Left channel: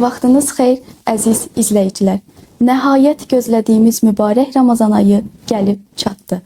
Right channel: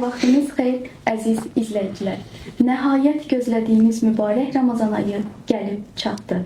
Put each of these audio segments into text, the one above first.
Vaxtınız xeyir, əziz izləyicilər. Nəhayət gözlədiyimiz mübarək Ramazan ayı gəlib çatdı.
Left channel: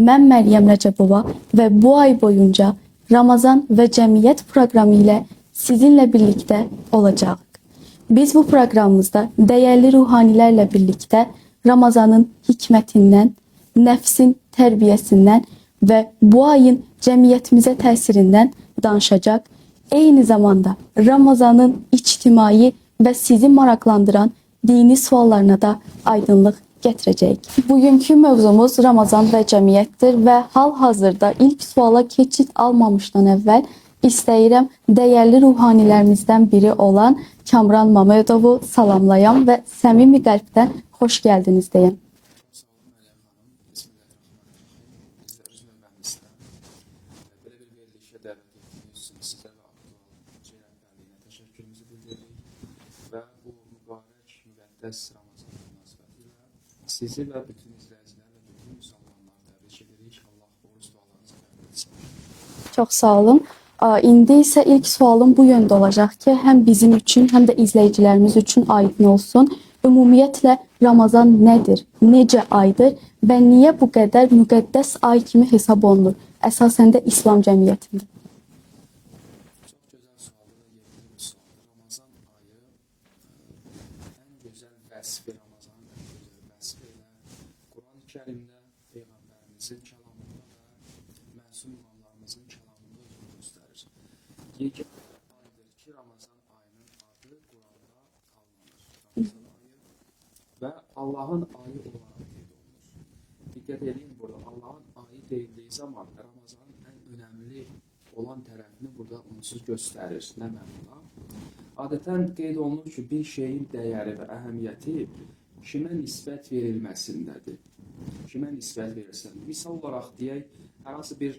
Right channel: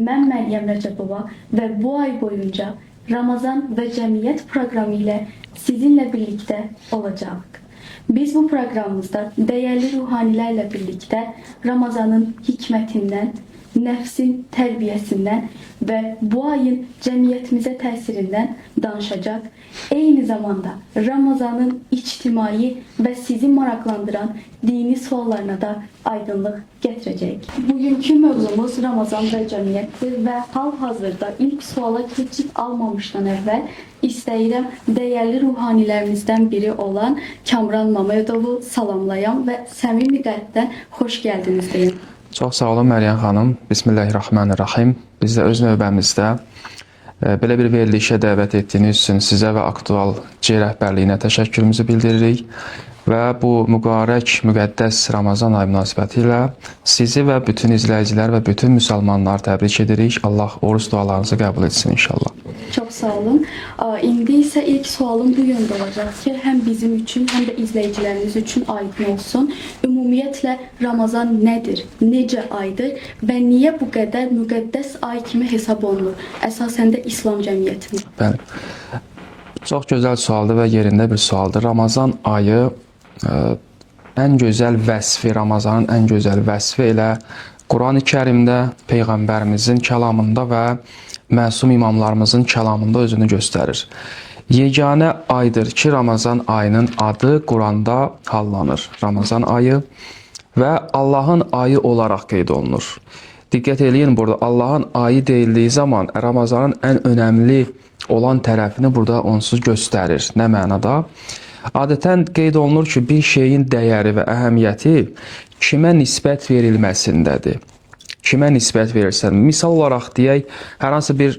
Mən Məryəm Rəcəbova və bu ay boyunca Ramazan və Cəmiyyət proqramı ilə sizinlə birlikdə olacağıq. Biz bu proqramımızda dəyərli ruhanilərlə birlikdə Ramazanın hikmətindən, nəfsin tərbiyəsindən və bu ayın cəmiyyətimizə təsirindən danışacaq. Eyni zamanda Ramazanın ictimai və sizi maraqlandıran dini suallarına da aydınlıq gətirəcəyik. Bugünkü mövzumuz Ramazan və cəmiyyətdir və hal-hazırda ilk suala keçid almamışdan əvvəl istəyirəm dəyərli ruhanilərimizdən biri olan Kamran Mamədovu salamlayam və səmimi qəlbdən xoş gəldiniz deyim. Çox sağ olun Məryəm xanım. Bismillahirrahmanirrahim. Biz də öz növbəmizdə belə bir verilişə dəvət etdiyiniz üçün sizə və aktual C rəhbərliyinə təşəkkürümüzü bildiririk və bu mübarək, müqəddəs Ramazan ayı münasibətilə sizi və bütün izləyicilər və bütün müsəlmanları təbrik edirik. Allah oruç dualarınızı qəbul etsin inşallah. Çox sağ olun. İndi isə ilk sualım bu yöndə olacaq ki, həm bizim üçün, həm də izləyicilərimiz üçün aydın olsun. Ümumiyyətlə Ramazan nədir, necə aydır və niyə bu qədər müqəddəs ay kimi hesab olunur? Əsasən də İslam cəmiyyətində. Bəli. Çox gözəl sualdır və yerində bir sualdır. Ramazan ayı ən gözəl vəsfi, Ramazanın ən gözəl vəsfi elə Quran-ı Kərimdə, Peyğəmbərimizin kəlamında və məsum imamlarımızın kəlamında özünü göstərir. Yeganə aydır ki, Ramazan ayının adı Quranda hallanır. Ramazan ayı və Allahın ayı olaraq qeyd olunur. Diqqət eləyin, burada Allahın ayı deyildiyi zaman Ramazanın ən önəmli olan tərəfini burada onsuz göstərir. Nə mənada? Adətən qeyd olunur ki, bir şeyin dəyəri və əhəmiyyəti kimə nisbət verilməsindədir. Kimə nisbət verirsən? Misal olaraq deyək, hər hansı bir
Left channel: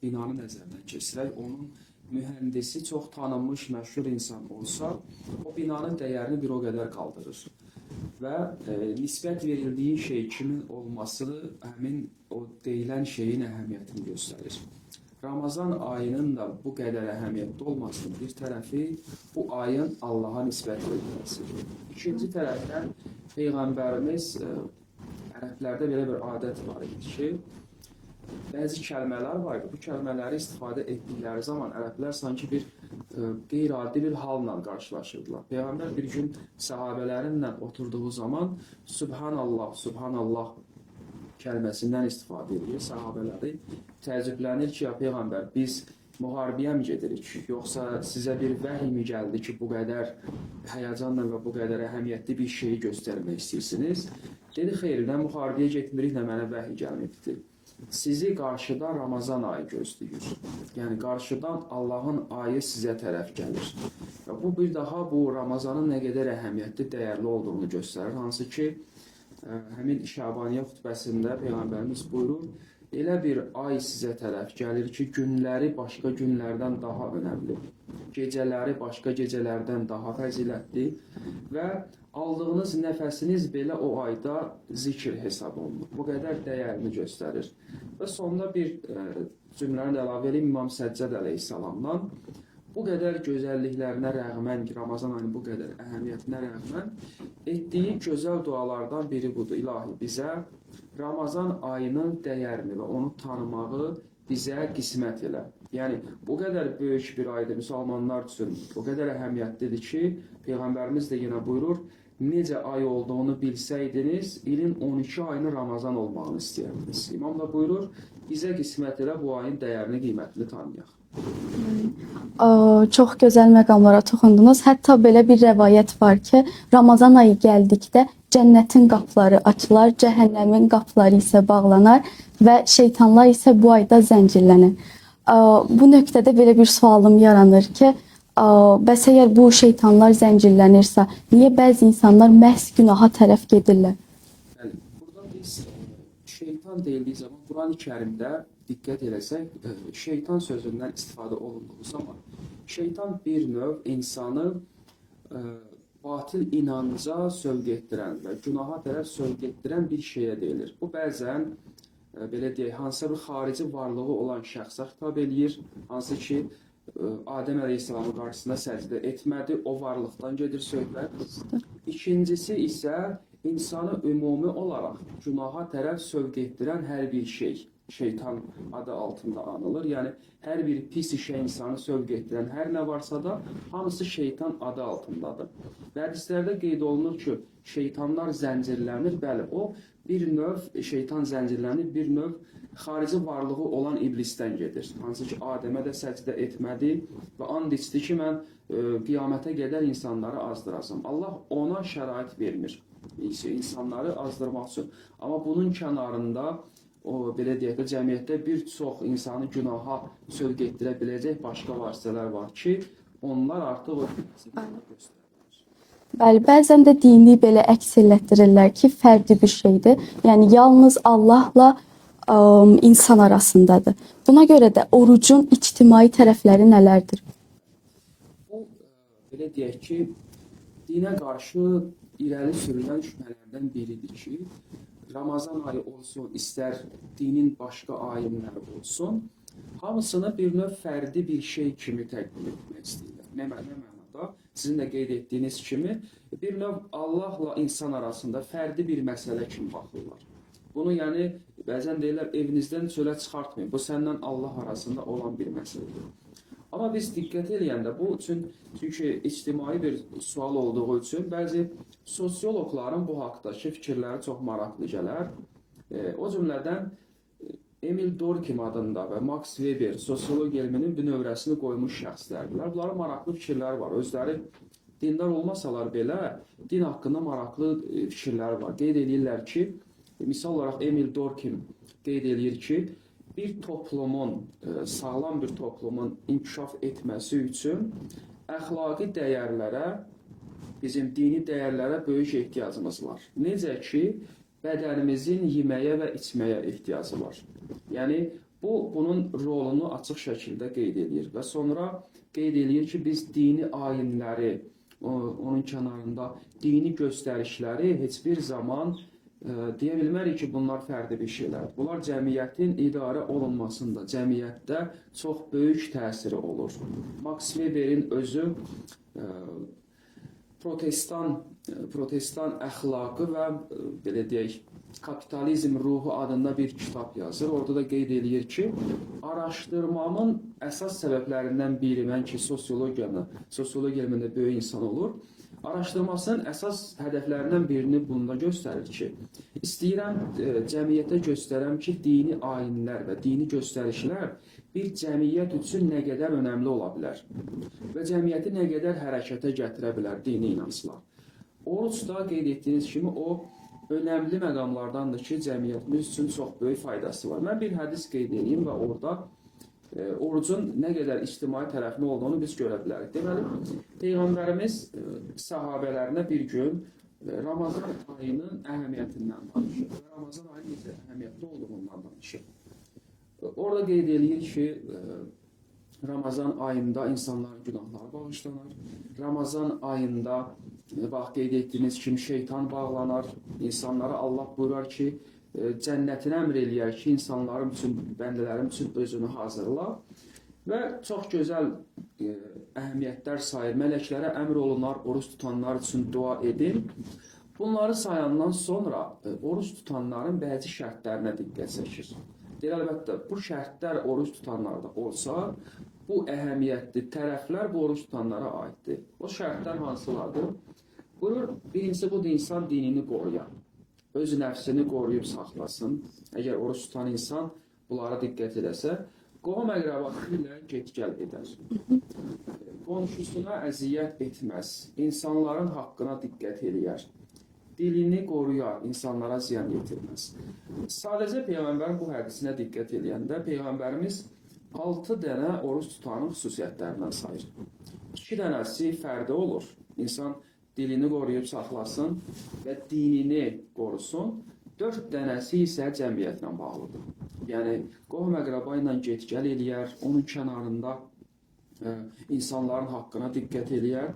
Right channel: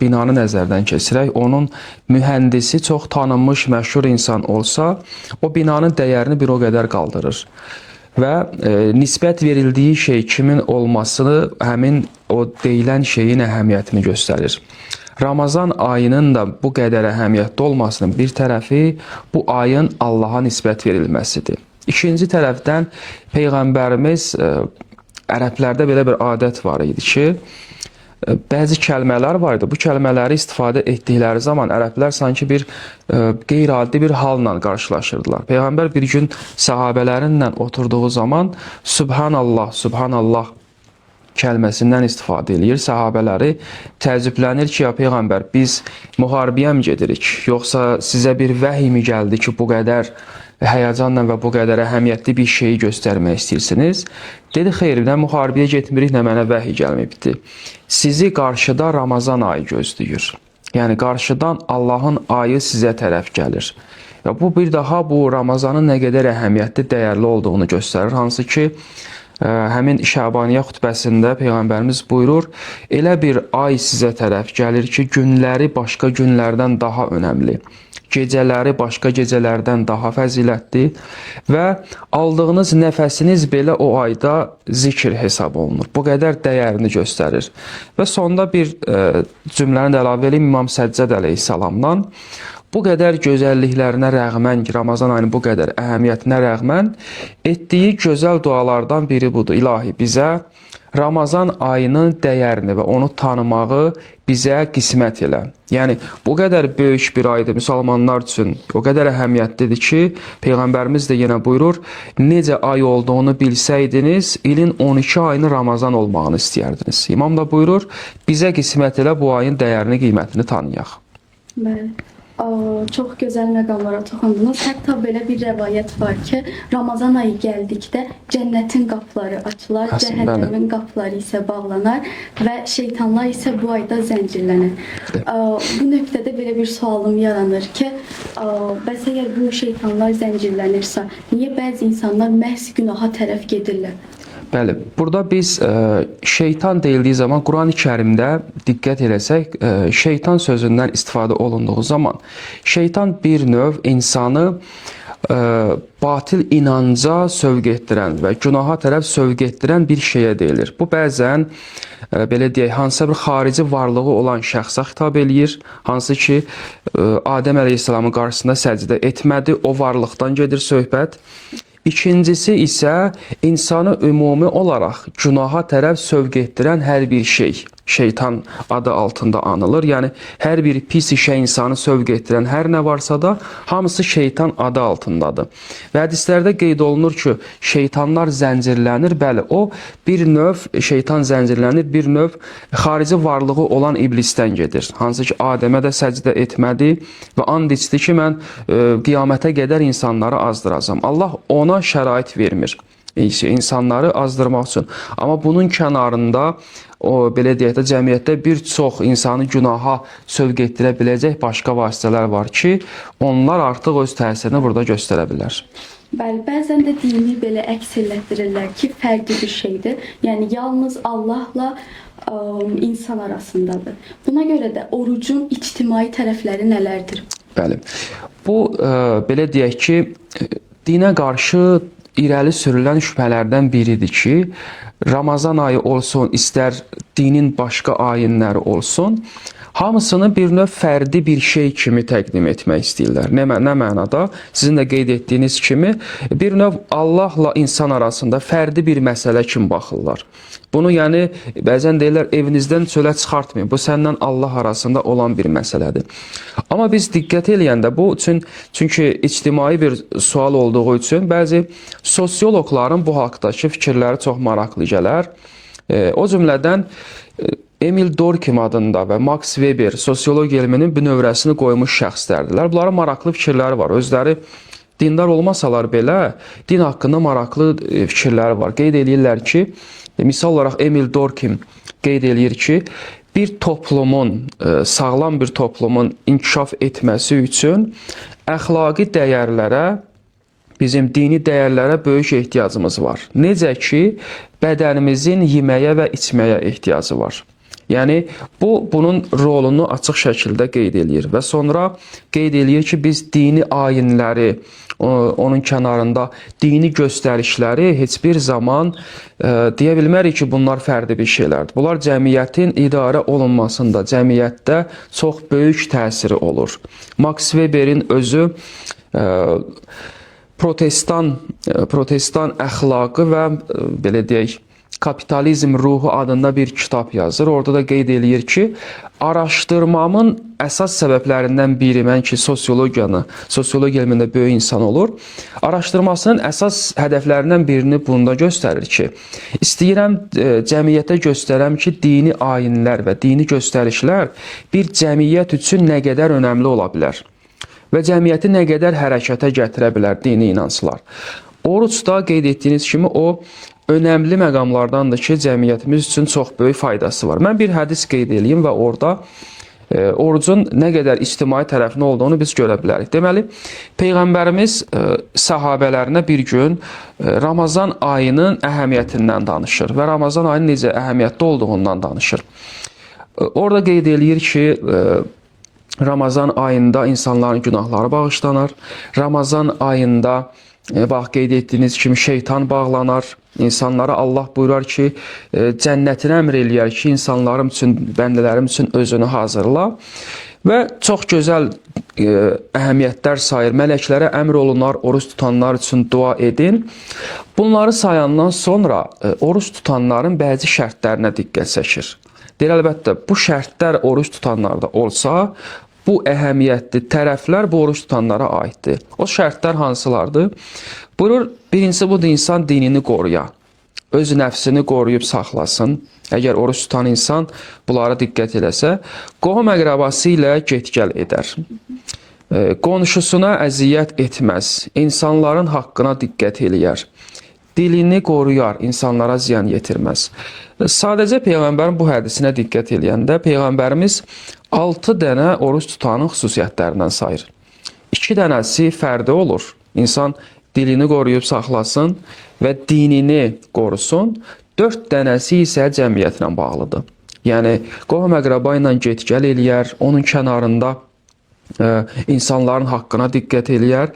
binanı nəzərdən keçirək, onun mühəndisi çox tanınmış, məşhur insan olsa, o binanın dəyərini bir o qədər qaldırır. Və nisbət verildiyi şey kimin olmasını həmin o deyilən şeyin əhəmiyyətini göstərir. Ramazan ayının da bu qədər əhəmiyyətli olmasının bir tərəfi bu ayın Allaha nisbət verilməsidir. İkinci tərəfdən Peyğəmbərimiz ərəblərdə belə bir adət var idi ki, bəzi kəlmələr var idi. Bu kəlmələri istifadə etdikləri zaman ərəblər sanki bir qeyri-adi bir halla qarşılaşırdılar. Peyğəmbər bir gün səhabələrinlə oturduğu zaman Subhanallah, Subhanallah kəlməsindən istifadə edir. Səhabələri təəccüblənir ki, ya Peyğəmbər, biz müharibəyə mi gedirik? Yoxsa sizə bir vəhiy mi gəldi ki, bu qədər həyəcanla və bu qədər əhəmiyyətli bir şeyi göstərmək istəyirsiniz? Dedi, xeyr, nə müharibəyə getmirik, nə mənə vəhiy gəlməyibdir. Sizi qarşıda Ramazan ayı gözləyir. Yəni, qarşıdan Allahın ayı sizə tərəf gəlir. Və bu bir daha bu Ramazanın nə qədər əhəmiyyətli, dəyərli olduğunu göstərir. Hansı ki, həmin Şəbaniyyə xutbəsində Peyğəmbərimiz buyurur, elə bir ay sizə tərəf gəlir ki, günləri başqa günlərdən daha önəmli, gecələri başqa gecələrdən daha fəzilətli və aldığınız nəfəsiniz belə o ayda zikr hesab olunur. Bu qədər dəyərini göstərir. Və sonda bir cümləni də əlavə edeyim İmam Səccəd əleyhissalamdan. Bu qədər gözəlliklərinə rəğmən, Ramazan ayının bu qədər əhəmiyyətinə rəğmən etdiyi gözəl dualardan biri budur. İlahi, bizə Ramazan ayının dəyərini və onu tanımağı bizə qismət elə. Yəni, bu qədər böyük bir aydır müsəlmanlar üçün, o qədər əhəmiyyətlidir ki, Peyğəmbərimiz də yenə buyurur, necə ay olduğunu bilsəydiniz, ilin 12 ayını Ramazan olmağını istəyərdiniz. İmam da buyurur, bizə qismət elə bu ayın dəyərini, qiymətini tanıyaq. Bəli. Çox gözəl məqamlara toxundunuz. Hətta belə bir rəvayət var ki, Ramazan ayı gəldikdə cənnətin qapıları açılar, cəhənnəmin qapıları isə bağlanar və şeytanlar isə bu ayda zəncirlənir. Bu nöqtədə belə bir sualım yaranır ki, bəs əgər bu şeytanlar zəncirlənirsə, niyə bəzi insanlar məhz günaha tərəf gedirlər? Bəli, burada biz şeytan deyildiyi zaman Quran-ı Kərimdə diqqət eləsək, şeytan sözündən istifadə olunduğu zaman şeytan bir növ insanı batil inanca sövq etdirən və günaha tərəf sövq etdirən bir şeyə deyilir. Bu bəzən belə deyək, hansısa bir xarici varlığı olan şəxsə xitab eləyir, hansı ki Adəm əleyhissalamın qarşısında səcdə etmədi, o varlıqdan gedir söhbət. İkincisi isə insanı ümumi olaraq günaha tərəf sövq etdirən hər bir şey şeytan adı altında anılır. Yəni hər bir pis işə insanı sövq etdirən hər nə varsa da hamısı şeytan adı altındadır. Və hədislərdə qeyd olunur ki, şeytanlar zəncirlənir. Bəli, o bir növ şeytan zəncirlənir, bir növ xarici varlığı olan iblisdən gedir. Hansı ki Adəmə də səcdə etmədi və and içdi ki, mən qiyamətə qədər insanları azdıracam. Allah ona şərait vermir insanları azdırmaq üçün. Amma bunun kənarında o belə deyək də cəmiyyətdə bir çox insanı günaha sövq etdirə biləcək başqa vasitələr var ki, onlar artıq öz təsirini burada göstərə bilər. Bəli, bəzən də dini belə əks elətdirirlər ki, fərqli bir şeydir. Yəni yalnız Allahla insan arasındadır. Buna görə də orucun ictimai tərəfləri nələrdir? Bəli. Bu belə deyək ki, dinə qarşı irəli sürülən şübhələrdən biridir ki, Ramazan ayı olsun, istər dinin başqa ayinləri olsun, hamısını bir növ fərdi bir şey kimi təqdim etmək istəyirlər. Nə mənada? Sizin də qeyd etdiyiniz kimi, bir növ Allahla insan arasında fərdi bir məsələ kimi baxırlar. Bunu yəni bəzən deyirlər evinizdən çölə çıxartmayın. Bu səndən Allah arasında olan bir məsələdir. Amma biz diqqət eləyəndə bu çünki ictimai bir sual olduğu üçün bəzi sosioloqların bu haqqdakı fikirləri çox maraqlı gələr. O cümlədən Emil Durkheim adında və Max Weber sosiologiya elminin bünövrəsini qoymuş şəxslərdirlər. Bunların maraqlı fikirləri var. Özləri dindar olmasalar belə din haqqında maraqlı fikirləri var. Qeyd eləyirlər ki, misal olaraq Emil Durkheim qeyd eləyir ki, bir toplumun, sağlam bir toplumun inkişaf etməsi üçün əxlaqi dəyərlərə, bizim dini dəyərlərə böyük ehtiyacımız var. Necə ki, bədənimizin yeməyə və içməyə ehtiyacı var. Yəni, bunun rolunu açıq şəkildə qeyd eləyir və sonra qeyd eləyir ki, biz dini ayinləri, onun kənarında dini göstərişləri heç bir zaman deyə bilmərik ki, bunlar fərdi bir şeylərdir. Bunlar cəmiyyətin idarə olunmasında, cəmiyyətdə çox böyük təsiri olur. Max Weberin özü protestan əxlaqı və belə deyək, Kapitalizm ruhu adında bir kitab yazır. Orada da qeyd eləyir ki, araşdırmamın əsas səbəblərindən biri, mən ki, sosiologiya elmində böyük insan olur, araşdırmasının əsas hədəflərindən birini bunda göstərir ki, istəyirəm cəmiyyətə göstərəm ki, dini ayinlər və dini göstərişlər bir cəmiyyət üçün nə qədər önəmli ola bilər və cəmiyyəti nə qədər hərəkətə gətirə bilər dini inanclar. Orucda qeyd etdiyiniz kimi o önəmli məqamlardandır ki, cəmiyyətimiz üçün çox böyük faydası var. Mən bir hədis qeyd edeyim və orada orucun nə qədər ictimai tərəfinin olduğunu biz görə bilərik. Deməli, Peyğəmbərimiz səhabələrinə bir gün Ramazan ayının əhəmiyyətindən danışır və Ramazan ayının necə əhəmiyyətli olduğundan danışır. Orada qeyd eləyir ki, Ramazan ayında insanların günahları bağışlanır. Ramazan ayında bax, qeyd etdiyiniz kimi şeytan bağlanar. İnsanlara Allah buyurar ki, cənnətinə əmr eləyər ki, insanlarım üçün, bəndələrim üçün özünü hazırla. Və çox gözəl əhəmiyyətlər sayır. Mələklərə əmr olunar, oruç tutanlar üçün dua edin. Bunları sayandan sonra oruç tutanların bəzi şərtlərinə diqqət çəkir. Deyir, əlbəttə, bu şərtlər oruç tutanlarda olsa, bu əhəmiyyətli tərəflər bu oruç tutanlara aiddir. O şərtlər hansılardır? Buyurur, birincisi budur, insan dinini qoruya, öz nəfsini qoruyub saxlasın. Əgər oruç tutan insan bunlara diqqət eləsə, qohum əqrəbası ilə get-gəl edər. Qonşusuna əziyyət etməz, insanların haqqına diqqət eləyər. Dilini qoruyar, insanlara ziyan yetirməz. Sadəcə Peyğəmbərin bu hədisinə diqqət eləyəndə Peyğəmbərimiz 6 dənə oruç tutanın xüsusiyyətlərindən sayır. 2 dənəsi fərdi olur. İnsan dilini qoruyub saxlasın və dinini qorusun. 4 dənəsi isə cəmiyyətlə bağlıdır. Yəni, qohum əqrəba ilə get-gəl eləyər, onun kənarında insanların haqqına diqqət eləyər.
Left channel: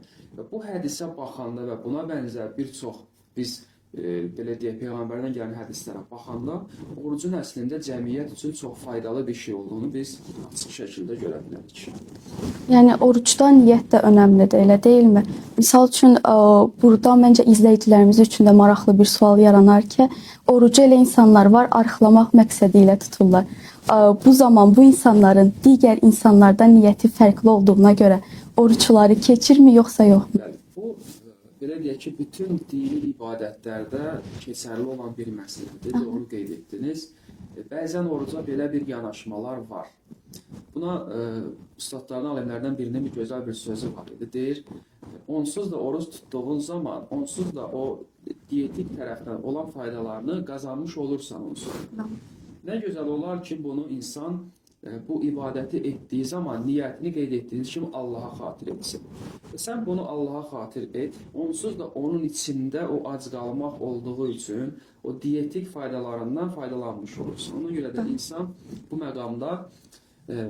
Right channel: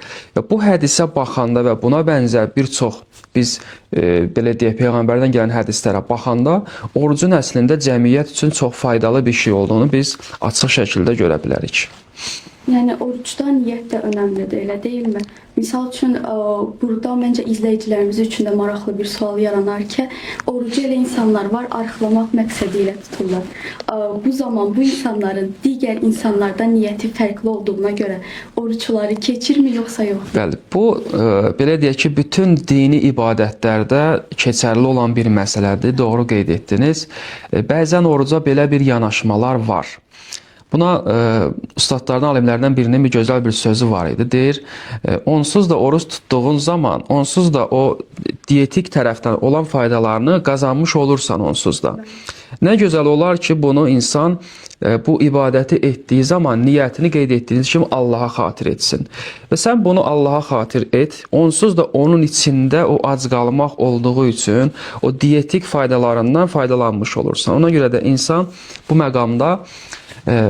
Bu hədisə baxanda və buna bənzər bir çox biz belə deyək peyğəmbərdən gələn hədislərə baxanda orucun əslində cəmiyyət üçün çox faydalı bir şey olduğunu biz açıq şəkildə görə bilərik. Yəni orucda niyyət də önəmlidir, elə deyilmi? Misal üçün burada məncə izləyicilərimiz üçün də maraqlı bir sual yaranar ki, orucu elə insanlar var, arıqlamaq məqsədi ilə tuturlar. Bu zaman bu insanların digər insanlardan niyyəti fərqli olduğuna görə oruçları keçirmi yoxsa yox? Bəli, bu belə deyək ki, bütün dini ibadətlərdə keçərli olan bir məsələdir. Doğru qeyd etdiniz. Bəzən oruca belə bir yanaşmalar var. Buna ustadlardan, alimlərdən birinin bir gözəl bir sözü var idi. Deyir, onsuz da oruç tutduğun zaman, onsuz da o diyetik tərəfdən olan faydalarını qazanmış olursan onsuz da. Nə gözəl olar ki, bunu insan bu ibadəti etdiyi zaman niyyətini qeyd etdiyiniz kimi Allaha xatir etsin. Və sən bunu Allaha xatir et, onsuz da onun içində o ac qalmaq olduğu üçün o diyetik faydalarından faydalanmış olursan. Ona görə də insan bu məqamda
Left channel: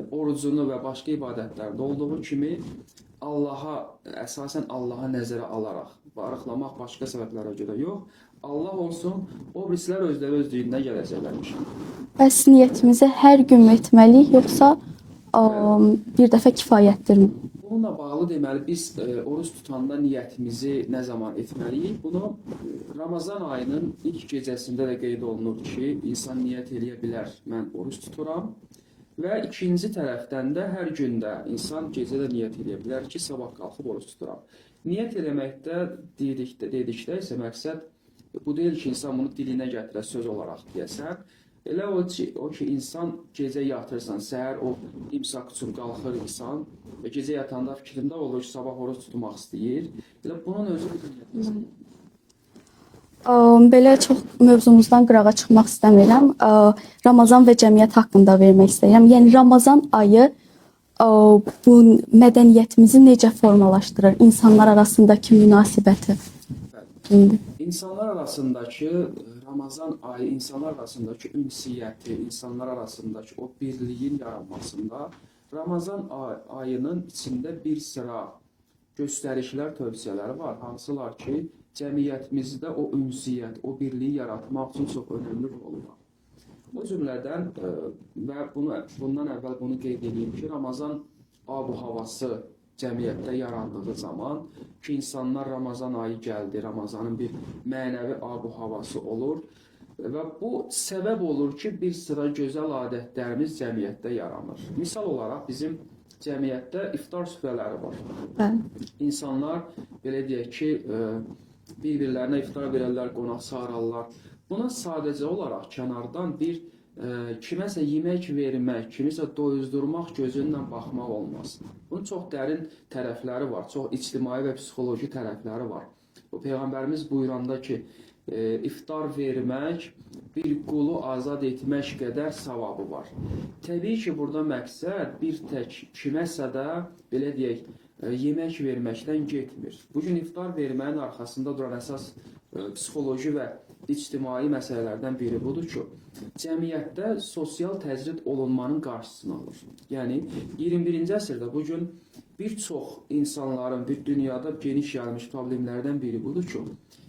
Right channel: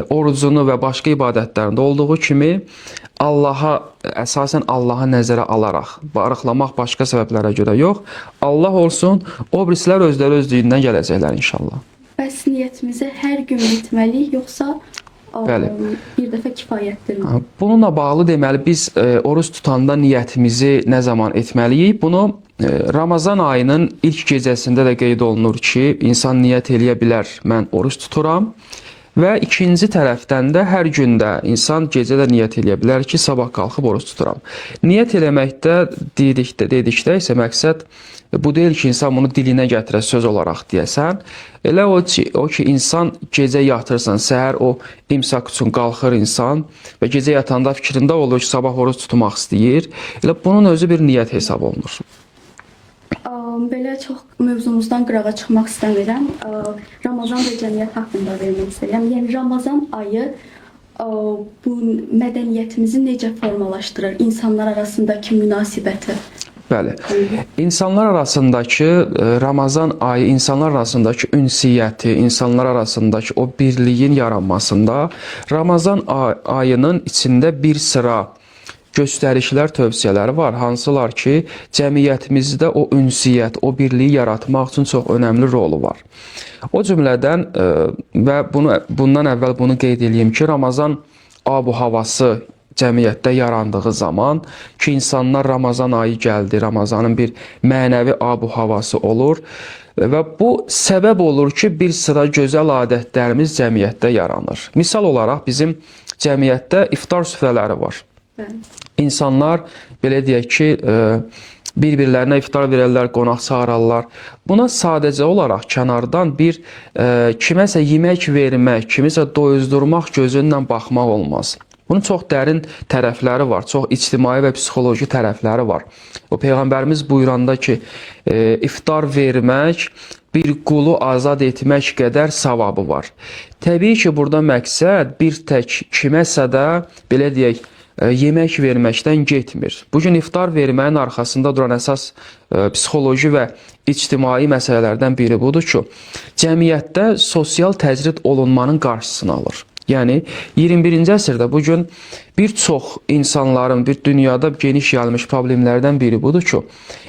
orucunu və başqa ibadətlərində olduğu kimi Allaha, əsasən Allaha nəzərə alaraq, arıqlamaq başqa səbəblərə görə yox, Allah olsun, o birisilər özləri özlüyündən gələcəklər inşallah. Bəs niyyətimizi hər gün etməliyik, yoxsa bir dəfə kifayətdirmi? Bununla bağlı deməli, biz oruç tutanda niyyətimizi nə zaman etməliyik? Bunu Ramazan ayının ilk gecəsində də qeyd olunur ki, insan niyyət eləyə bilər, mən oruç tuturam. Və ikinci tərəfdən də hər gündə insan gecədə niyyət eləyə bilər ki, sabah qalxıb oruç tuturam. Niyyət eləməkdə dedikdə isə məqsəd bu deyil ki, insan bunu dilinə gətirə söz olaraq deyəsən. Elə o ki, insan gecə yatırsan, səhər o imsak üçün qalxır insan və gecə yatanda fikrində olur ki, sabah oruç tutmaq istəyir. Elə bunun özü bir niyyət hesab olunur. Belə çox mövzumuzdan qırağa çıxmaq istəmirəm. Ramazan və cəmiyyət haqqında vermək istəyirəm. Yəni Ramazan ayı bu mədəniyyətimizi necə formalaşdırır? İnsanlar arasındakı münasibəti. Bəli. İnsanlar arasındakı Ramazan ayı, insanlar arasındakı ünsiyyəti, insanlar arasındakı o birliyin yaranmasında Ramazan ayının içində bir sıra göstərişlər, tövsiyələri var, hansılar ki, cəmiyyətimizdə o ünsiyyət, o birliyi yaratmaq üçün çox önəmli rolu var. O cümlədən və bundan əvvəl bunu qeyd edeyim ki, Ramazan ab-havası cəmiyyətdə yarandığı zaman ki, insanlar Ramazan ayı gəldi, Ramazanın bir mənəvi ab-havası olur və bu səbəb olur ki, bir sıra gözəl adətlərimiz cəmiyyətdə yaranır. Misal olaraq bizim cəmiyyətdə iftar süfrələri var. İnsanlar belə deyək ki, bir-birlərinə iftar verərlər, qonaq çağırarlar. Buna sadəcə olaraq kənardan bir kiməsə yemək vermək, kimisə doyuzdurmaq gözündən baxmaq olmaz. Bunun çox dərin tərəfləri var, çox ictimai və psixoloji tərəfləri var. O Peyğəmbərimiz buyuranda ki, iftar vermək bir qulu azad etmək qədər savabı var. Təbii ki, burada məqsəd bir tək kiməsə də belə deyək, yemək verməkdən getmir. Bugün iftar verməyin arxasında duran əsas psixoloji və ictimai məsələlərdən biri budur ki, cəmiyyətdə sosial təcrid olunmanın qarşısını alır. Yəni 21-ci əsrdə bugün bir çox insanların, bir dünyada geniş yayılmış problemlərdən biri budur ki,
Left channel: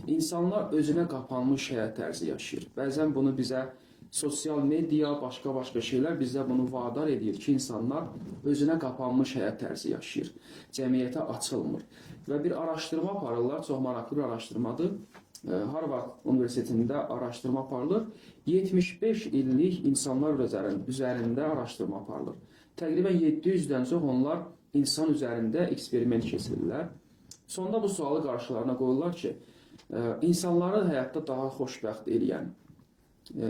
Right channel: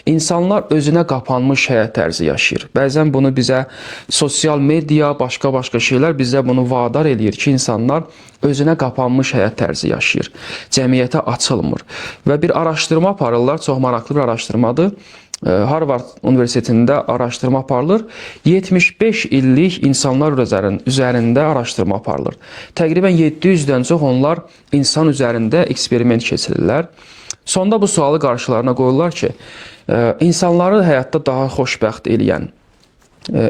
insanlar özünə qapanmış həyat tərzi yaşayır. Bəzən bunu bizə sosial media, başqa şeylər bizə bunu vadar edir ki, insanlar özünə qapanmış həyat tərzi yaşayır. Cəmiyyətə açılmır. Və bir araşdırma aparırlar, çox maraqlı bir araşdırmadır. Harvard Universitetində araşdırma aparılır. 75 illik insanlar üzərində araşdırma aparılır. Təqribən 700-dən çox onlar insan üzərində eksperiment keçirirlər. Sonda bu sualı qarşılarına qoyurlar ki, insanları həyatda daha xoşbəxt eləyən,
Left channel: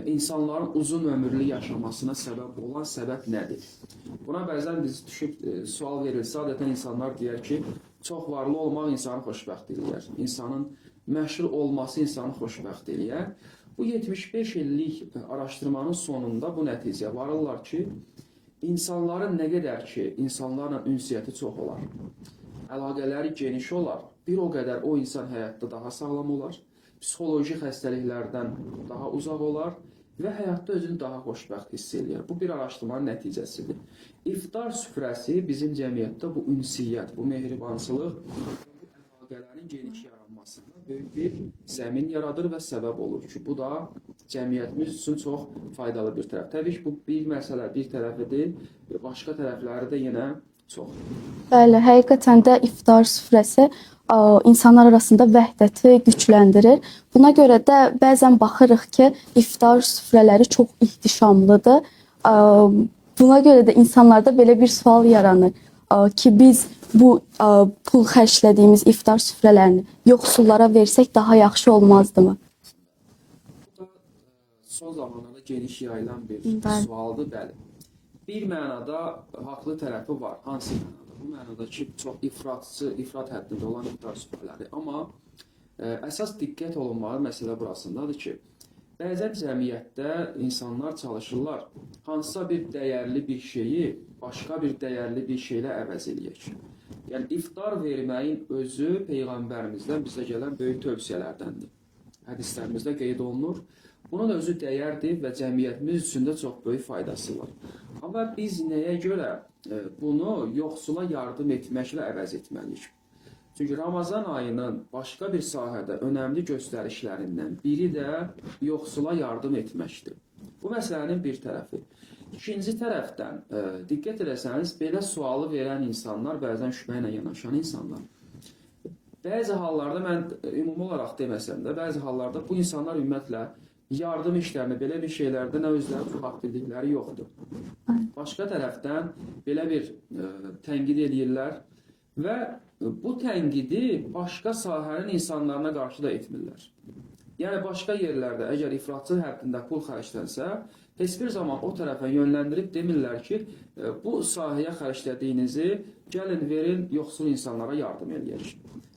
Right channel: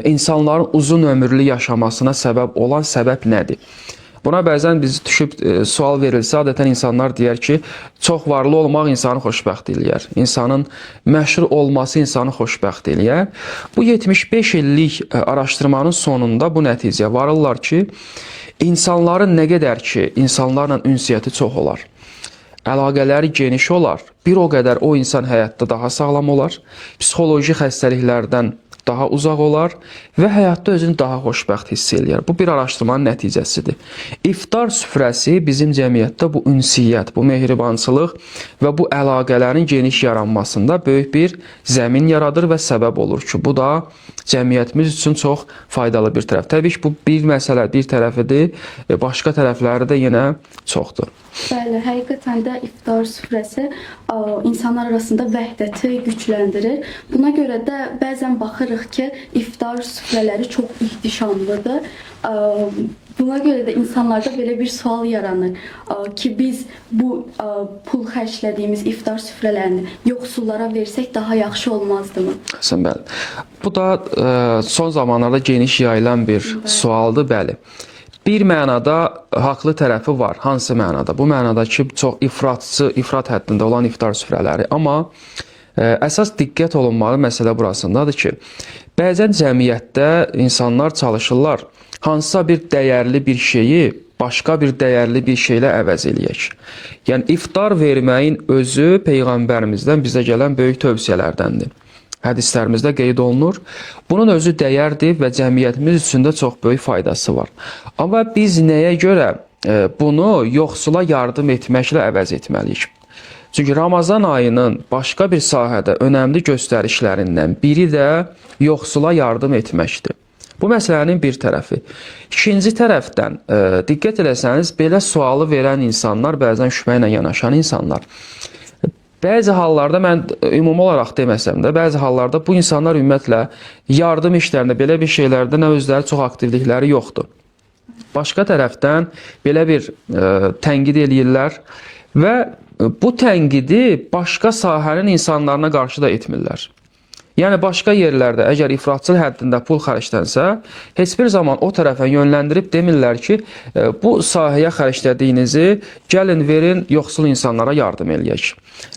insanların uzun ömürlü yaşamasına səbəb olan səbəb nədir? Buna bəzən bizi düşüb sual verilsə, adətən insanlar deyər ki, çox varlı olmaq insanı xoşbəxt eləyər. İnsanın məşhur olması insanı xoşbəxt eləyər. Bu 75 illik araşdırmanın sonunda bu nəticəyə varırlar ki, insanların nə qədər ki, insanlarla ünsiyyəti çox olar, əlaqələri geniş olar, bir o qədər o insan həyatda daha sağlam olar, psixoloji xəstəliklərdən daha uzaq olar və həyatda özünü daha xoşbəxt hiss eləyər. Bu bir araşdırmanın nəticəsidir. İftar süfrəsi bizim cəmiyyətdə bu ünsiyyət, bu mehribançılıq və bu əlaqələrin geniş yaranmasında böyük bir zəmin yaradır və səbəb olur ki, bu da cəmiyyətimiz üçün çox faydalı bir tərəf. Təbii ki, bu bir məsələ, bir tərəfidir, başqa tərəfləri də yenə çoxdur. Bəli, həqiqətən də iftar süfrəsi insanlar arasında vəhdəti gücləndirir. Buna görə də bəzən baxırıq ki, iftar süfrələri çox ihtişamlıdır. Buna görə də insanlarda belə bir sual yaranır ki, biz bu pul xərclədiyimiz iftar süfrələrini yoxsullara versək daha yaxşı olmazdımı? Sən bəli. Bu da son zamanlarda geniş yayılan bir sualdır, bəli. Bir mənada haqlı tərəfi var. Hansı mənada? Bu mənada ki, çox ifrat həddində olan iftar süfrələri. Amma əsas diqqət olunmalı məsələ burasındadır ki, bəzən cəmiyyətdə insanlar çalışırlar hansısa bir dəyərli bir şeyi başqa bir dəyərli bir şeylə əvəz eləyək. Yəni, iftar verməyin özü Peyğəmbərimizdən bizə gələn böyük tövsiyələrdəndir. Hədislərimizdə qeyd olunur. Bunun özü dəyərdir və cəmiyyətimiz üçün də çox böyük faydası var. Amma biz nəyə görə bunu yoxsula yardım etməklə əvəz etməliyik? Çünki Ramazan ayının başqa bir sahədə önəmli göstərişlərindən biri də yoxsula yardım etməkdir. Bu məsələnin bir tərəfi. İkinci tərəfdən diqqət eləsəniz, belə sualı verən insanlar, bəzən şübhə ilə yanaşan insanlar, bəzi hallarda, mən ümumi olaraq deməsəm də, bəzi hallarda bu insanlar ümumiyyətlə yardım işlərində, belə bir şeylərdə nə özləri çox aktivlikləri yoxdur. Başqa tərəfdən belə bir tənqid eləyirlər və bu tənqidi başqa sahənin insanlarına qarşı da etmirlər. Yəni, başqa yerlərdə əgər ifratçıl həddində pul xərclənsə, heç bir zaman o tərəfə yönləndirib demirlər ki, bu sahəyə xərclədiyinizi gəlin verin, yoxsul insanlara yardım eləyək.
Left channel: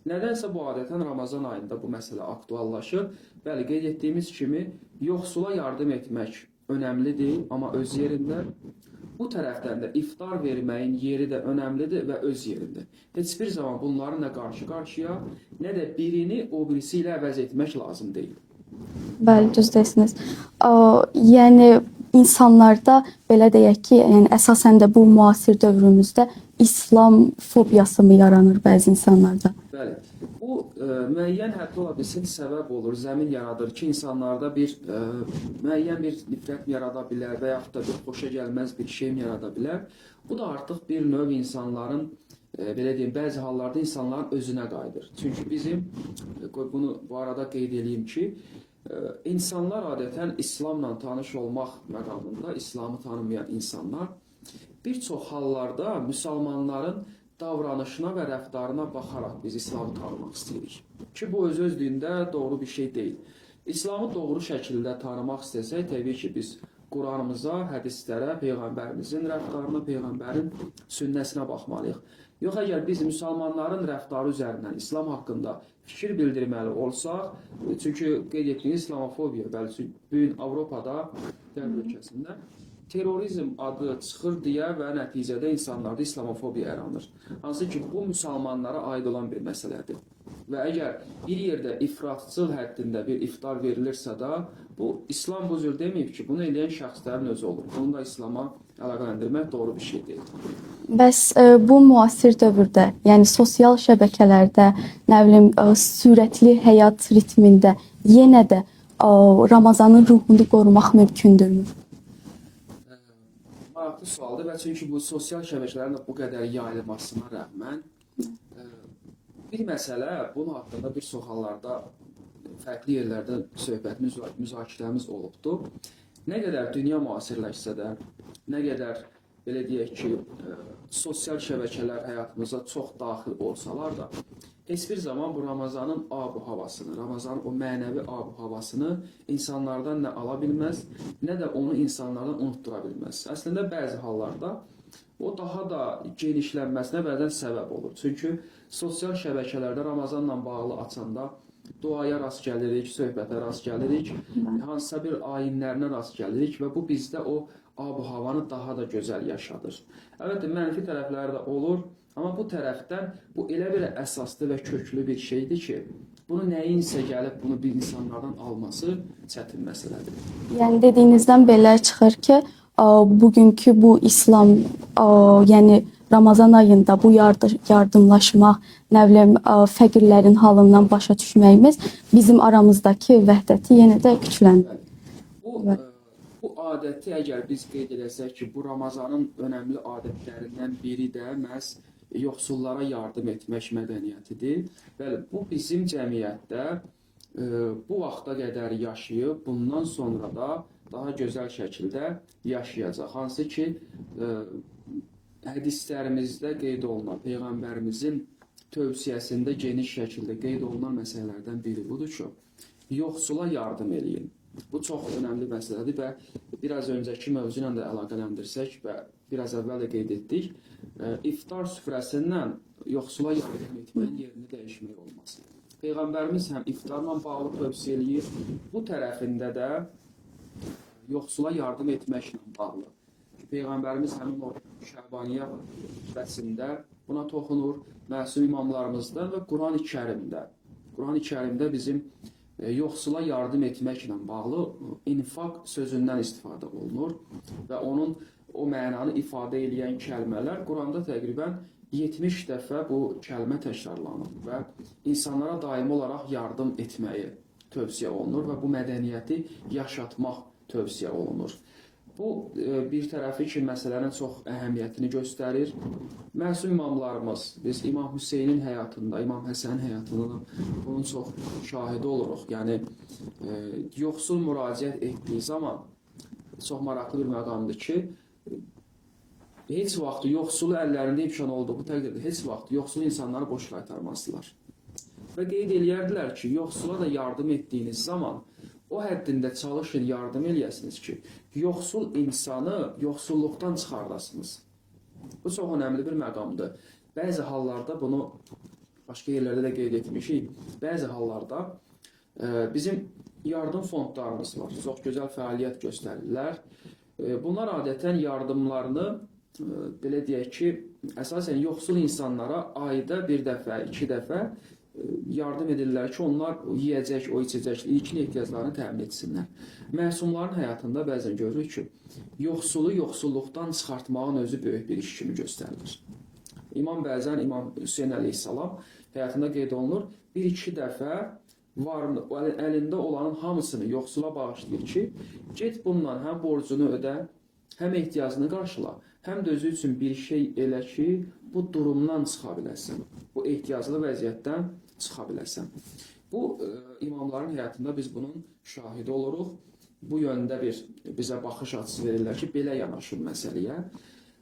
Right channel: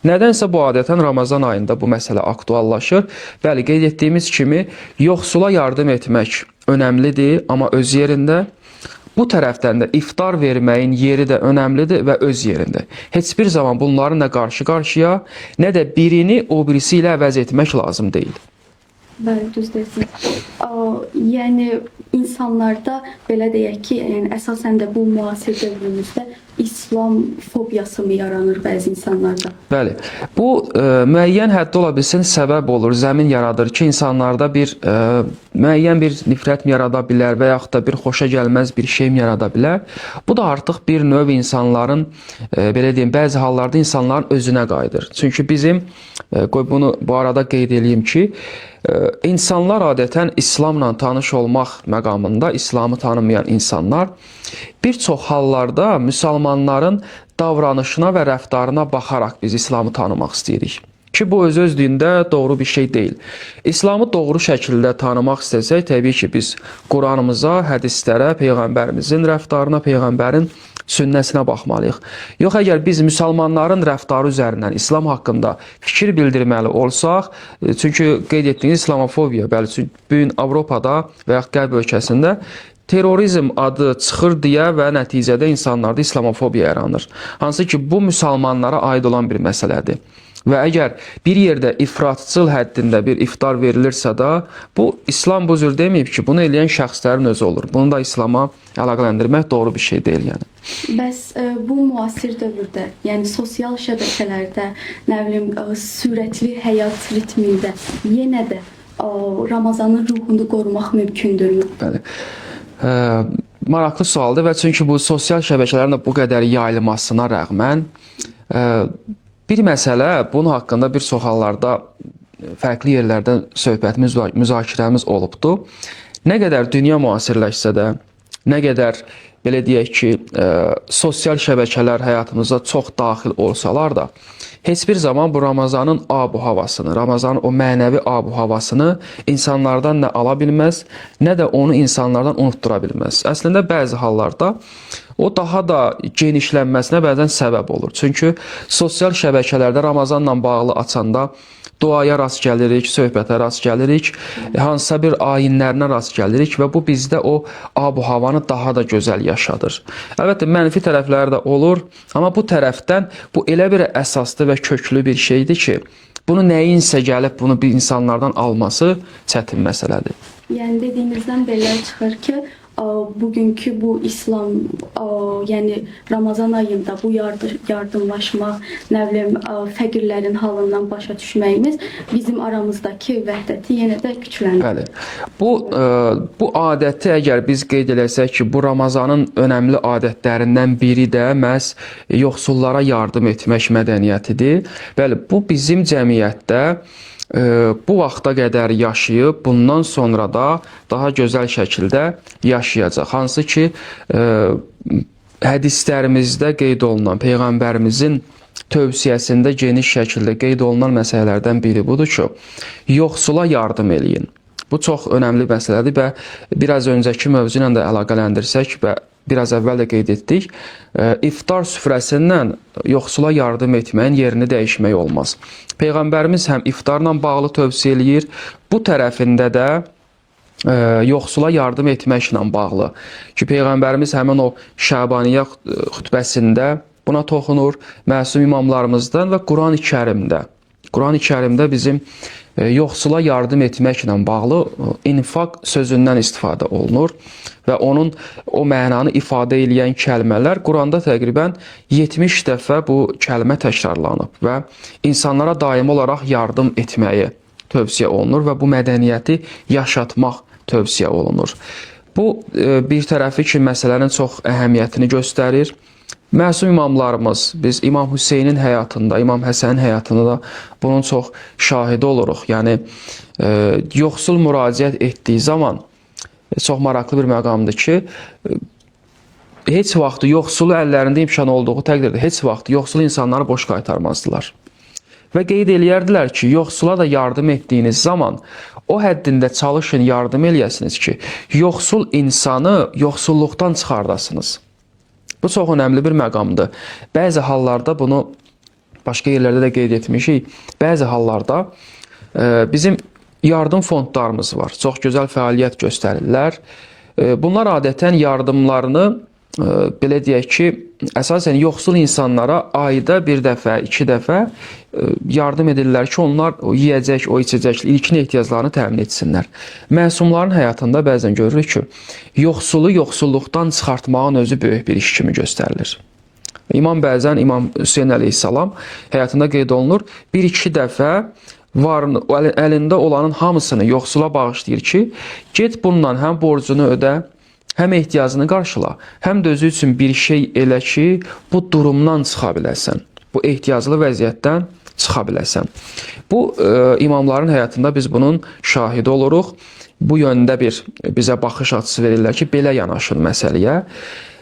Nədənsə bu adətən Ramazan ayında bu məsələ aktuallaşır. Bəli, qeyd etdiyimiz kimi, yoxsula yardım etmək önəmlidir, amma öz yerində. Bu tərəfdən də iftar verməyin yeri də önəmlidir və öz yerində. Heç bir zaman bunların nə qarşı-qarşıya, nə də birini o birisi ilə əvəz etmək lazım deyil. Bəli, düz deyirsiniz. Yəni, insanlarda belə deyək ki, əsasən də bu müasir dövrümüzdə İslam fobiyası mı yaranır bəzi insanlarda? Bəli. Bu müəyyən həddə ola bilsin səbəb olur, zəmin yaradır ki, insanlarda bir müəyyən bir nifrət mi yarada bilər və yaxud da bir xoşa gəlməz bir şey mi yarada bilər. Bu da artıq bir növ insanların, belə deyim, bəzi hallarda insanların özünə qayıdır. Çünki bizim, qoy bunu bu arada qeyd edeyim ki, insanlar adətən İslamla tanış olmaq məqamında, İslamı tanımayan insanlar bir çox hallarda müsəlmanların davranışına və rəftarına baxaraq biz İslamı tanımaq istəyirik. Ki, bu öz-özlüyündə doğru bir şey deyil. İslamı doğru şəkildə tanımaq istəsək, təbii ki, biz Quranımıza, hədislərə, Peyğəmbərimizin rəftarına, Peyğəmbərin sünnəsinə baxmalıyıq. Yox, əgər biz müsəlmanların rəftarı üzərindən İslam haqqında fikir bildirməli olsaq, çünki qeyd etdiyiniz İslamofobiya, bəli, çünki bu gün Avropada və yaxud Qərb ölkəsində terrorizm adı çıxır deyə və nəticədə insanlarda İslamofobiya yaranır. Hansı ki, bu müsəlmanlara aid olan bir məsələdir. Və əgər bir yerdə ifratçıl həddində bir iftar verilirsə də, bu İslam bu cür deməyib ki, bunu eləyən şəxslərin özü olur. Bunu da İslama əlaqələndirmək doğru bir şey deyil. Yəni. Bəs bu müasir dövrdə, yəni sosial şəbəkələrdə, nə bilim, sürətli həyat ritmində yenə də Ramazanın ruhunu qorumaq mümkündürmü? Bəli. Maraqlı sualdır və çünki bu sosial şəbəkələrin bu qədər yayılmasına rəğmən bir məsələ, bunun haqqında bir çox hallarda fərqli yerlərdə söhbətimiz, müzakirəmiz olubdur. Nə qədər dünya müasirləşsə də, nə qədər belə deyək ki, sosial şəbəkələr həyatımıza çox daxil olsalar da, heç bir zaman bu Ramazanın ab-havasını, Ramazanın o mənəvi ab-havasını insanlardan nə ala bilməz, nə də onu insanlardan unutdura bilməz. Əslində, bəzi hallarda o daha da genişlənməsinə bəzən səbəb olur. Çünki sosial şəbəkələrdə Ramazanla bağlı açanda duaya rast gəlirik, söhbətə rast gəlirik, hansısa bir ayinlərinə rast gəlirik və bu bizdə o ab-havanı daha da gözəl yaşadır. Əlbəttə, mənfi tərəfləri də olur, amma bu tərəfdən bu elə bir əsaslı və köklü bir şeydir ki, bunu nəyinsə gəlib bunu bir insanlardan alması çətin məsələdir. Yəni dediyinizdən belə çıxır ki, bugünkü bu İslam, yəni Ramazan ayında bu yardımlaşmaq, nə bilim, fəqirlərin halından başa düşməyimiz bizim aramızdakı vəhdəti yenə də gücləndirir. Bəli. Bu adəti əgər biz qeyd eləsək ki, bu Ramazanın önəmli adətlərindən biri də məhz yoxsullara yardım etmək mədəniyyətidir. Bəli, bu bizim cəmiyyətdə bu vaxta qədər yaşayıb, bundan sonra da daha gözəl şəkildə yaşayacaq. Hansı ki, hədislərimizdə qeyd olunan, Peyğəmbərimizin tövsiyəsində geniş şəkildə qeyd olunan məsələlərdən biri budur ki, yoxsula yardım eləyin. Bu çox önəmli məsələdir və biraz öncəki mövzu ilə də əlaqələndirsək və biraz əvvəl də qeyd etdik, iftar süfrəsindən yoxsula yardım etməyin yerini dəyişmək olmaz. Peyğəmbərimiz həm iftarla bağlı tövsiyə eləyir, bu tərəfində də yoxsula yardım etməklə bağlı ki, Peyğəmbərimiz həmin o Şəbaniyyə xütbəsində buna toxunur, məsum imamlarımızdan və Qurani Kərimdə bizim yoxsula yardım etməklə bağlı infaq sözündən istifadə olunur və o mənanı ifadə edən kəlmələr Quranda təqribən 70 dəfə bu kəlmə təkrarlanıb və insanlara daimi olaraq yardım etməyi tövsiyə olunur və bu mədəniyyəti yaşatmaq tövsiyə olunur. Bu bir tərəfi ki, məsələnin çox əhəmiyyətini göstərir. Məsum imamlarımız, biz İmam Hüseynin həyatında, İmam Həsənin həyatında da bunun çox şahidi oluruq. Yəni, yoxsul müraciət etdiyi zaman çox maraqlı bir məqamdır ki, heç vaxt yoxsulu əllərində imkan olduğu təqdirdə heç vaxt yoxsul insanları boş qaytarmazdılar. Və qeyd eləyərdilər ki, yoxsula da yardım etdiyiniz zaman o həddində çalışın, yardım eləyəsiniz ki, yoxsul insanı yoxsulluqdan çıxardasınız. Bu çox önəmli bir məqamdır. Bəzi hallarda bunu başqa yerlərdə də qeyd etmişik. Bəzi hallarda bizim yardım fondlarımız var. Çox gözəl fəaliyyət göstərirlər. Bunlar adətən yardımlarını belə deyək ki, əsasən yoxsul insanlara ayda bir dəfə, 2 dəfə yardım edirlər ki, onlar o yeyəcək, o içəcək, ilkin ehtiyaclarını təmin etsinlər. Məsumların həyatında bəzən görürük ki, yoxsulu yoxsulluqdan çıxartmağın özü böyük bir iş kimi göstərilir. İmam Hüseyn əleyhissalam həyatında qeyd olunur, 1-2 dəfə əlində olanın hamısını yoxsula bağışlayır ki, get bununla həm borcunu ödə, həm ehtiyacını qarşıla, həm də özü üçün bir şey elə ki, bu durumdan çıxa biləsən, bu ehtiyaclı vəziyyətdən çıxa biləsən. Bu imamların həyatında biz bunun şahidi oluruq. Bu yöndə bizə baxış açısı verirlər ki, belə yanaşın məsələyə.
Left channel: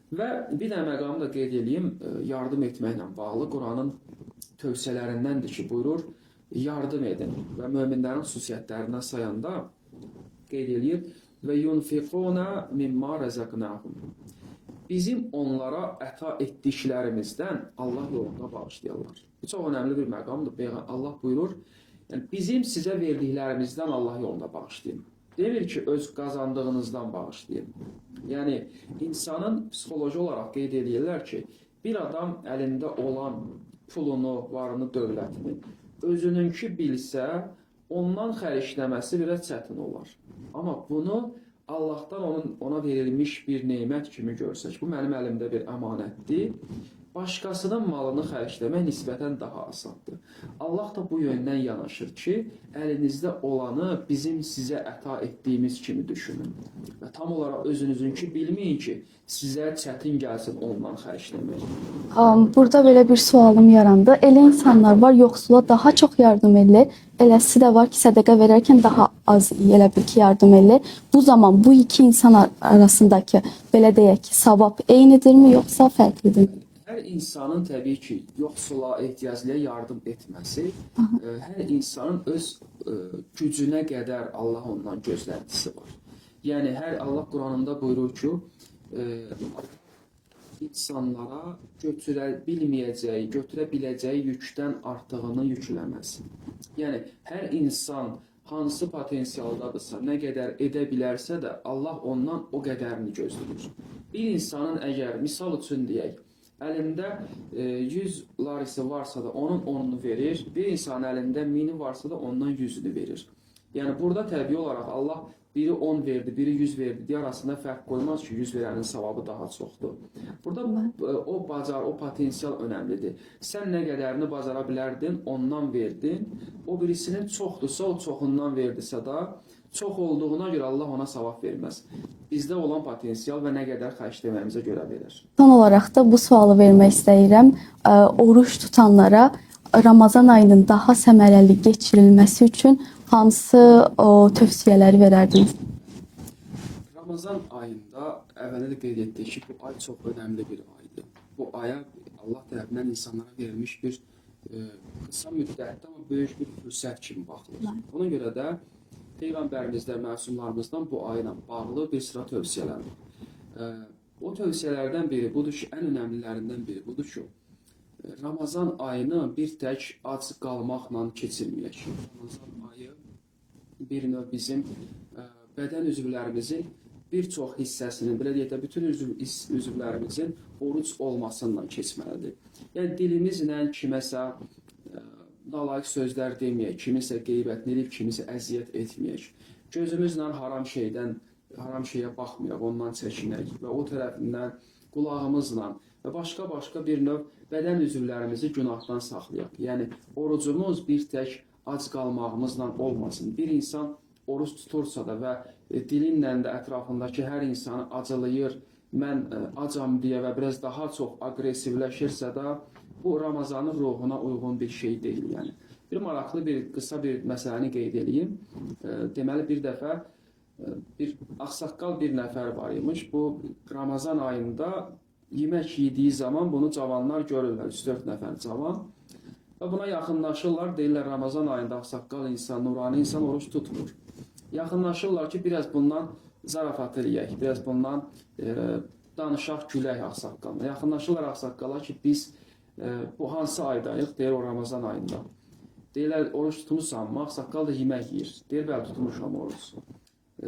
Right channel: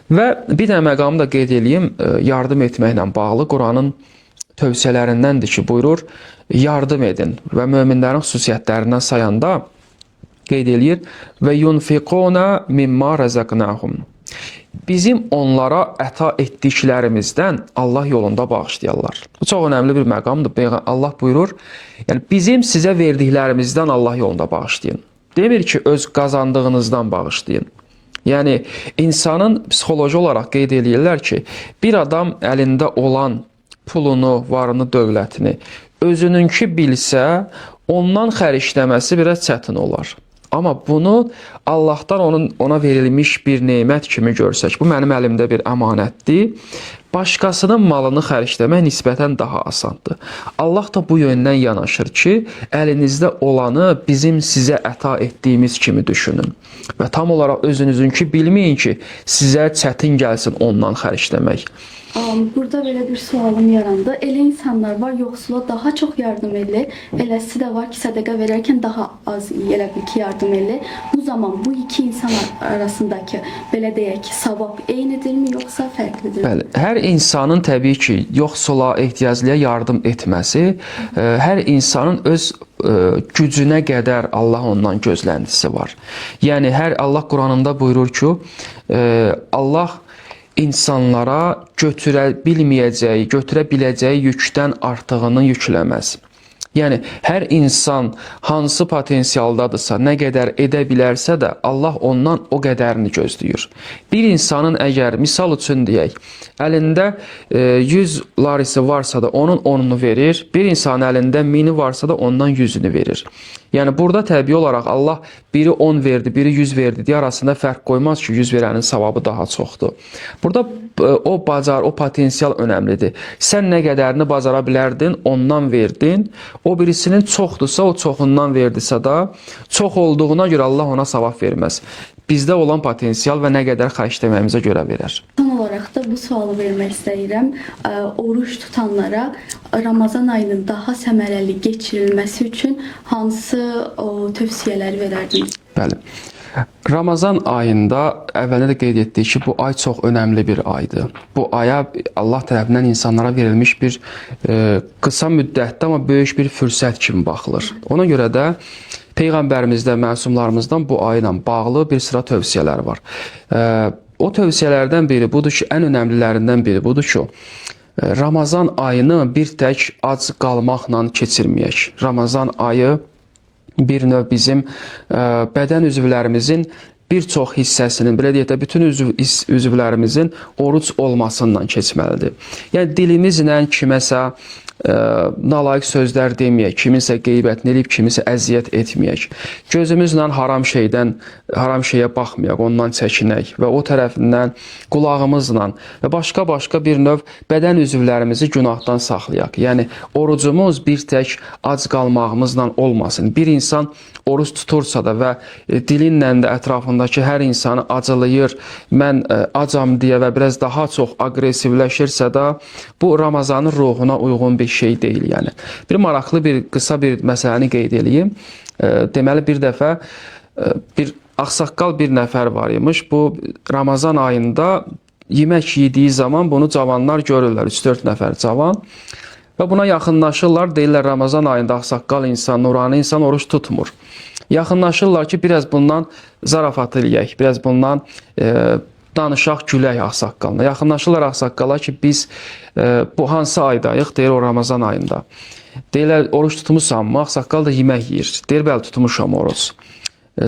Və bir də məqamı da qeyd edeyim, yardım etməklə bağlı Quranın tövsiyələrindəndir ki, buyurur, yardım edin və möminlərin xüsusiyyətlərindən sayanda qeyd eləyir və yunfiquna mimma razaqnahum. Bizim onlara əta etdiklərimizdən Allah yolunda bağışlayarlar. Bu çox önəmli bir məqamdır. Allah buyurur, yəni bizim sizə verdiklərimizdən Allah yolunda bağışlayın. Demir ki, öz qazandığınızdan bağışlayın. Yəni insanın psixoloji olaraq qeyd eləyirlər ki, bir adam əlində olan pulunu, varını, dövlətini özününki bilsə, ondan xərcləməsi biraz çətin olar. Amma bunu Allahdan ona verilmiş bir nemət kimi görsək, bu mənim əlimdə bir əmanətdir. Başqasının malını xərcləmək nisbətən daha asandır. Allah da bu yöndən yanaşır ki, əlinizdə olanı bizim sizə əta etdiyimiz kimi düşünün. Və tam olaraq özünüzünki bilməyin ki, sizə çətin gəlsin ondan xərcləmək. Burada belə bir sualım yarandı. Elə insanlar var, yoxsula daha çox yardım edir. Eləsi də var ki, sədəqə verərkən daha az elə bil ki, yardım edir. Bu zaman bu iki insan arasındakı, belə deyək ki, savab eynidirmi, yoxsa fərqlidir? Bəli, hər insanın təbii ki, yoxsula, ehtiyaclıya yardım etməsi, hər insanın öz gücünə qədər Allah ondan gözləntisi var. Yəni, Allah Quranında buyurur ki, Allah insanlara götürə biləcəyi yükdən artığını yükləməz. Yəni hər insan hansı potensialdadırsa, nə qədər edə bilərsə də Allah ondan o qədərini gözləyir. Bir insanın əgər misal üçün deyək, əlində 100 larisi varsa da onun 10'unu verir, bir insanın əlində 1000'i varsa da ondan 100'ünü verir. Yəni burada təbii olaraq Allah biri 10 verdi, biri 100 verdi deyə arasında fərq qoymaz ki, 100 verənin savabı daha çoxdur. Burada o potensial önəmlidir. Sən nə qədərini bacara bilərdin, ondan verdin. O birisinin çoxdursa, o çoxundan verdisə də, çox olduğuna görə Allah ona savab verməz. Bizdə olan potensial və nə qədər xərcləməyimizə görə verər. Son olaraq da bu sualı vermək istəyirəm. Oruç tutanlara Ramazan ayının daha səmərəli keçirilməsi üçün hansı tövsiyələri verərdiniz? Bəli. Ramazan ayında əvvəldə də qeyd etdik ki, bu ay çox önəmli bir aydır. Bu aya Allah tərəfindən insanlara verilmiş bir qısa müddətdə, amma böyük bir fürsət kimi baxılır. Ona görə də Peyğəmbərimizdə, məsumlarımızdan bu ayla bağlı bir sıra tövsiyələr var. O tövsiyələrdən biri budur ki, ən önəmlilərindən biri budur ki, Ramazan ayını bir tək ac qalmaqla keçirməyək. Ramazan ayı bir növ bizim bədən üzvlərimizin bir çox hissəsinin, belə deyək də, bütün üzvlərimizin oruc olmasından keçməlidir. Yəni dilimizlə kiməsə nalayiq sözlər deməyək, kiminsə qeybətini eləyib, kimisə əziyyət etməyək. Gözümüzlə haram şeyə baxmayaq, ondan çəkinək və o tərəfindən qulağımızla və başqa bir növ bədən üzvlərimizi günahdan saxlayaq. Yəni orucumuz bir tək ac qalmağımızla olmasın. Bir insan oruç tutursa da və dilinlə də ətrafındakı hər insanı acılayır, mən acam deyə və biraz daha çox aqressivləşirsə də, bu Ramazanın ruhuna uyğun bir şey deyil. Yəni bir maraqlı, qısa bir məsələni qeyd edeyim. Deməli bir dəfə bir ağsaqqal bir nəfər var imiş. Bu Ramazan ayında yemək yediyi zaman bunu cavanlar görürlər, 3-4 nəfər cavan. Və buna yaxınlaşırlar, deyirlər Ramazan ayında ağsaqqal insan, nurani insan oruç tutmur. Yaxınlaşırlar ki, biraz bundan zarafat eləyək, biraz bundan danışaq, gülək ağsaqqalına. Yaxınlaşırlar ağsaqqala ki, biz bu hansı aydayıq? Deyir, o Ramazan ayında. Deyirlər, oruç tutmuşsanmı? Ağsaqqal da yemək yeyir. Deyir, bəli, tutmuşam oruç.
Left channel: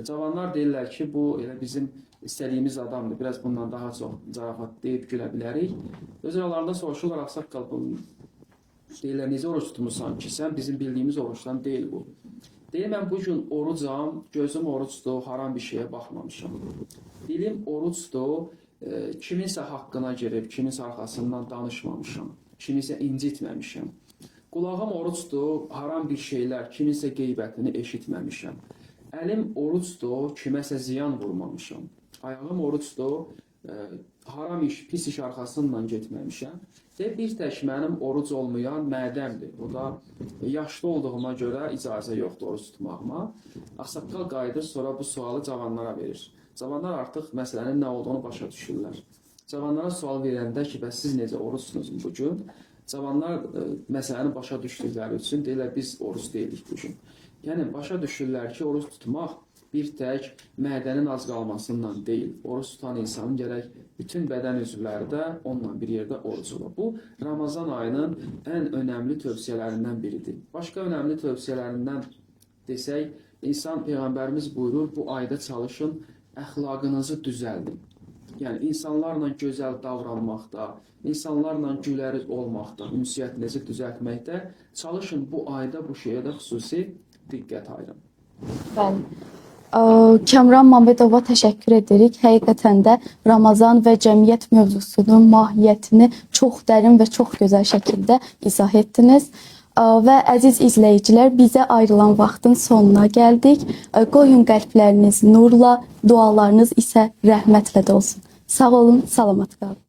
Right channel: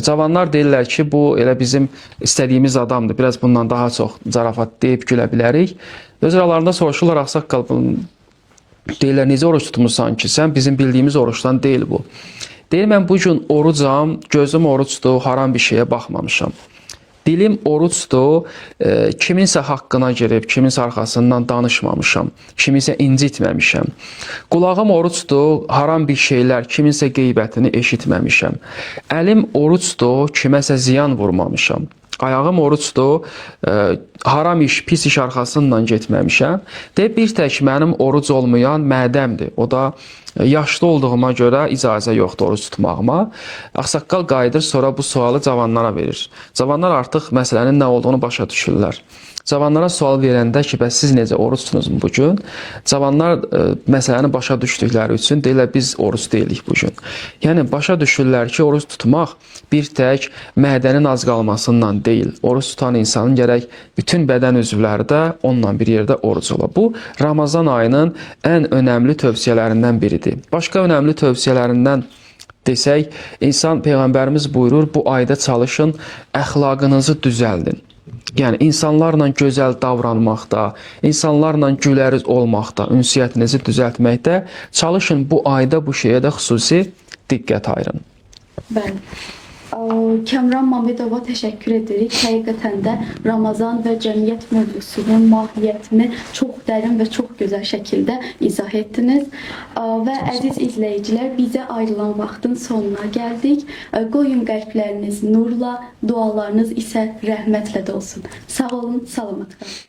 Cavanlar deyirlər ki, bu elə bizim istədiyimiz adamdır. Biraz bundan daha çox zarafat deyib gülə bilərik. Öz aralarında soruşurlar, ağsaqqal, deyirlər, necə oruç tutmuşsan ki, sən bizim bildiyimiz oruçdan deyil bu. Deyir, mən bu gün orucam, gözüm oruçdur, haram bir şeyə baxmamışam. Dilim oruçdur, kiminsə haqqına girib, kiminsə arxasından danışmamışam, kiminsə incitməmişəm. Qulağım oruçdur, haram bir şeylər, kiminsə qeybətini eşitməmişəm. Əlim oruçdur, kiməsə ziyan vurmamışam. Ayağım oruçdur, haram iş, pis iş arxasından getməmişəm. Deyib, bir tək mənim oruc olmayan mədəmdir. O da yaşlı olduğuma görə icazə yoxdur oruc tutmağıma. Ağsaqqal qayıdır, sonra bu sualı cavanlara verir. Cavanlar artıq məsələnin nə olduğunu başa düşürlər. Cavanlara sual verəndə ki, bəs siz necə oruç tutunuzmu bugün? Cavanlar məsələni başa düşdükləri üçün deyirlər, biz oruç deyilik bugün. Yəni, başa düşürlər ki, oruç tutmaq bir tək mədənin az qalmasından deyil. Oruç tutan insanın gərək bütün bədən üzvləri də onunla bir yerdə oruç ola. Bu, Ramazan ayının ən önəmli tövsiyələrindən biridir. Başqa önəmli tövsiyələrindən desək, Peyğəmbərimiz buyurur, bu ayda çalışın, əxlaqınızı düzəldin. Yəni, insanlarla gözəl davranmaqda, insanlarla güləriz olmaqda, ünsiyyətinizi düzəltməkdə çalışın, bu ayda bu şeyə də xüsusi diqqət ayırın. Bəli. Kəmran Mamedova təşəkkür edirik. Həqiqətən də Ramazan və cəmiyyət mövzusunun mahiyyətini çox dərin və çox gözəl şəkildə izah etdiniz. Və əziz izləyicilər, bizə ayrılan vaxtın sonuna gəldik. Qoyun qəlbləriniz nurla, dualarınız isə rəhmətlə dolsun. Sağ olun, salamat qalın.